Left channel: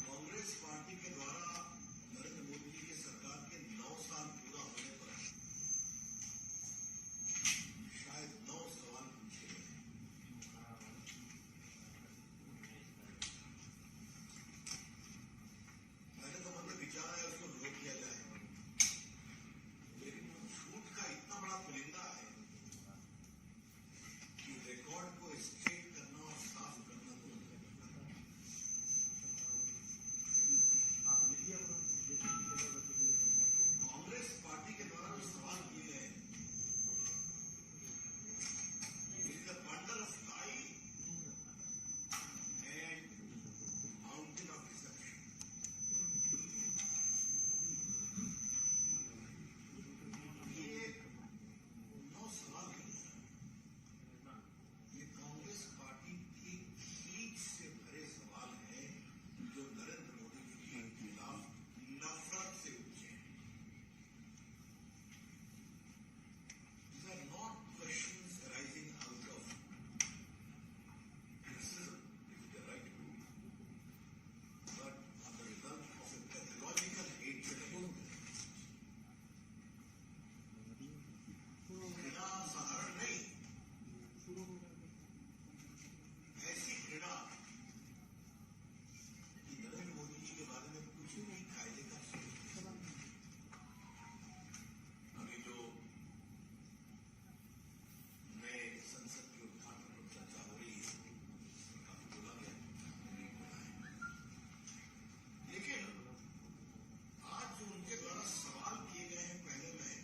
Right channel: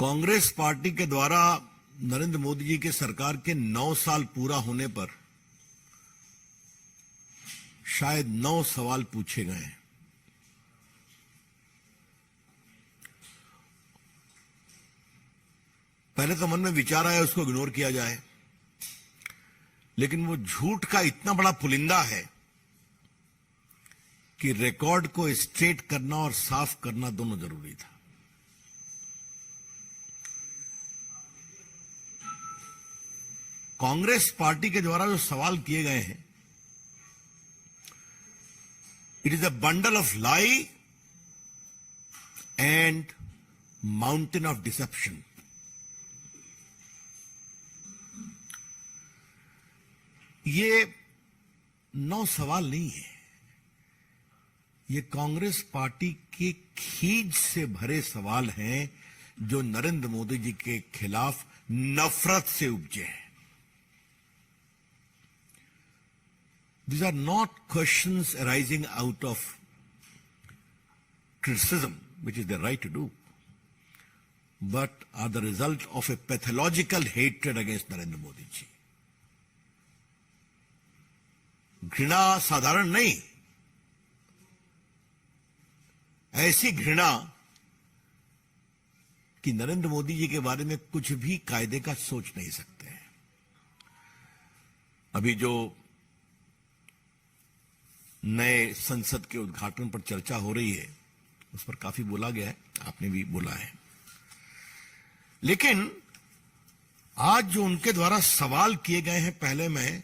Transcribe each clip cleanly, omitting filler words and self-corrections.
Congress party के द्वारा नरेंद्र मोदी जी के सरकार के 9 साल पूरा होने पर शायद 9 सवाल पूछे गए हैं। पहले तो मन में विचार आया उसको इग्नोर किया जाए, लेकिन वो झूठ का इतना बड़ा पुलिंदा है कि रिकॉर्ड को स्ट्रेट करना और साफ करना दोनों जरूरी था। कांग्रेस पार्टी के द्वारा जो सवाल किए गए हैं, it is a bundle of lie and mountain of deception. ये 9 सवाल नहीं है, ये कांग्रेस पार्टी के खींच से भरे सवाल हैं जो नरेंद्र मोदी जी के खिलाफ नफरत से उपजे हैं। These are not questions arising out of criticism, which is their right to do, but are the result of a pathological hatred against Narendra Modi ji. घृणा साधारण नहीं, ऐसी घृणा कि नरेंद्र मोदी जी के बारे में कुछ भी कायदे का सोच नहीं सकते हैं। अभी जो नए संसद के उद्घाटन पर चर्चा हो रही है, उस पर काफी बोला गया है, आपने भी बोला है, लेकिन आज जो उनके द्वारा सवाल किए गए हैं, पहले में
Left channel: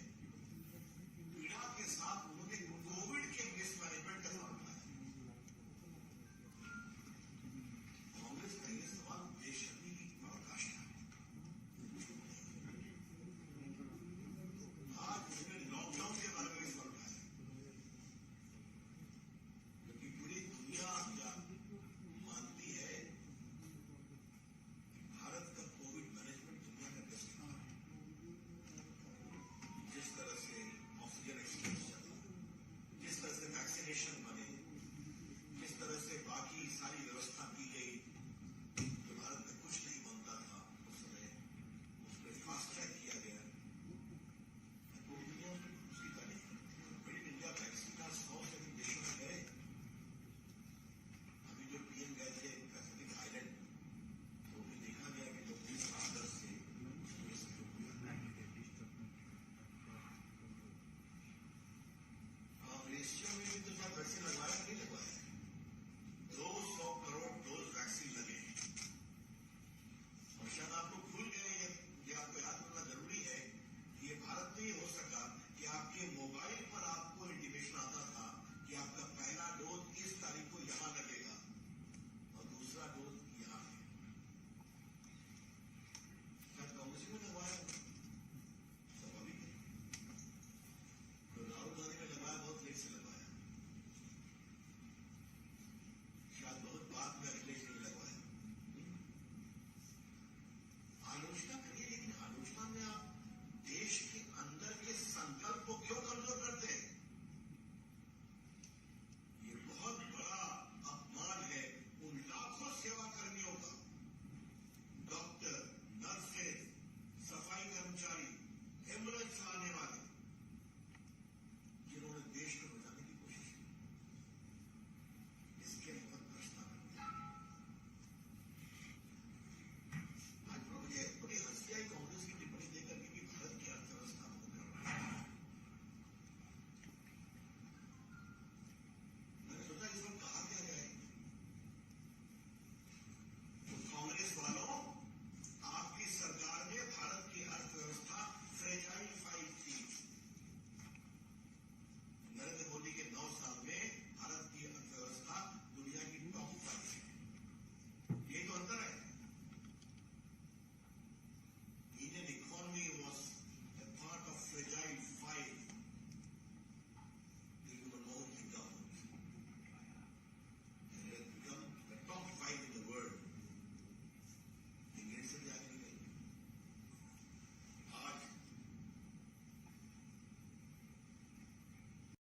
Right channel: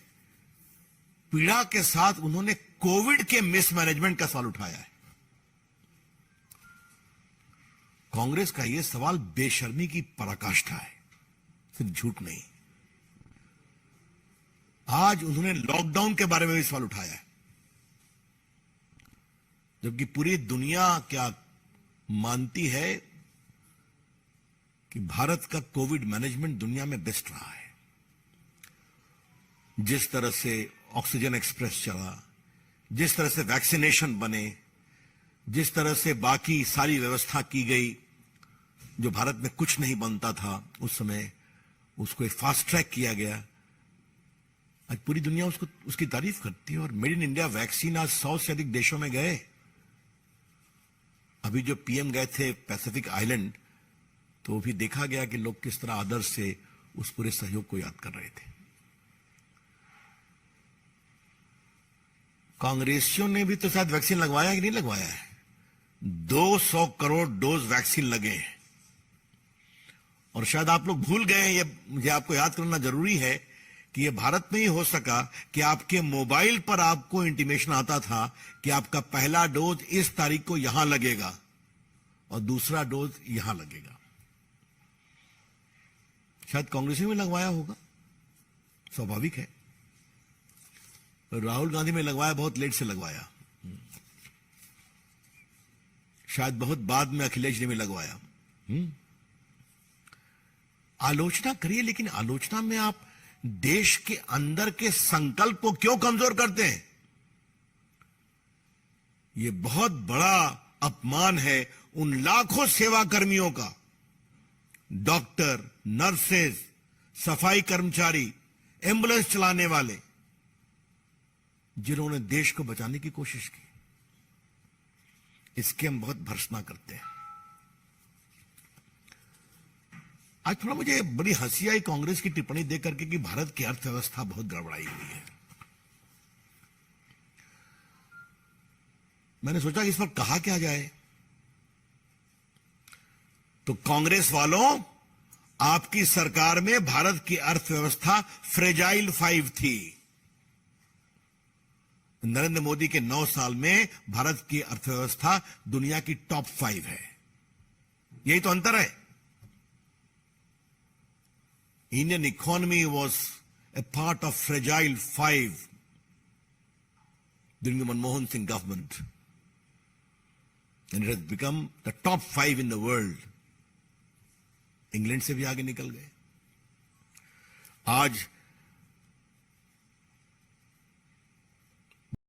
पीड़ा के साथ उन्होंने कोविड के मिसमैनेजमेंट का सवाल उठाया है। कांग्रेस का यह सवाल बेशर्मी की पराकाष्ठा है, सिर्फ झूठ नहीं। आज उन्होंने लॉकडाउन के बारे में भी सवाल उठाया है, जबकि पूरी दुनिया क्या मानती है कि भारत का कोविड मैनेजमेंट दुनिया में बेस्ट रहा है। जिस तरह से ऑक्सीजन एक्सप्रेस चला, जिस तरह से वैक्सीनेशन बने, जिस तरह से बाकी सारी व्यवस्था की गई, जो भारत में कुछ नहीं बनता था उस समय, उसको एक फास्ट ट्रैक किया गया। आज पूरी दुनिया उसकी तारीफ करती है और मेड इन इंडिया वैक्सीन आज 100 से अधिक देशों में गए। अभी जो पीएम गए थे पैसिफिक आइलैंड, तो भी देखा गया कि लोग किस तरह आदर से उस पूरे सहयोग को याद कर रहे थे। कांग्रेसियों ने भी तो शायद वैक्सीन लगवाया कि नहीं लगवाया है। 200 करोड़ डोज वैक्सीन लगे हैं। और शायद आप लोग भूल गए, ये मुझे आपको याद करना जरूरी है कि ये भारत में ही हो सका कि आपके मोबाइल पर आपको इंटीमेशन आता था कि आपका पहला डोज इस तारीख को यहां लगेगा और दूसरा डोज यहां लगेगा। शायद कांग्रेस में लगवाया होगा, स्वाभाविक है। राहुल गांधी में लगवाया, बहुत लेट से लगवाया। शायद बहुत बाद में अखिलेश ने भी लगवाया। आलोचना करिए, लेकिन आलोचना में आप देश के अंदर के संकल्प को क्यों कमजोर करते हैं? यह बहुत बड़ा अपमान है उन लाखों सेवा कर्मियों का, डॉक्टर, नर्सेज, सफाई कर्मचारी, एम्बुलेंस चलाने वाले, जिन्होंने देश को बचाने की कोशिश की। इसके हम बहुत भर्त्सना करते हैं। आज थोड़ा मुझे बड़ी हंसी आई कांग्रेस की टिप्पणी देख करके कि भारत की अर्थव्यवस्था बहुत गड़बड़ाई हुई है। मैंने सोचा कि इस पर कहा क्या जाए, तो कांग्रेस वालों, आपकी सरकार में भारत की अर्थव्यवस्था फ्रेजाइल 5 थी। नरेंद्र मोदी के 9 साल में भारत की अर्थव्यवस्था दुनिया की टॉप 5 है। यही तो अंतर है। Indian economy was a part of fragile 5 during the Manmohan Singh government, and it has become the top 5 in the world. England से भी आगे निकल गए। आज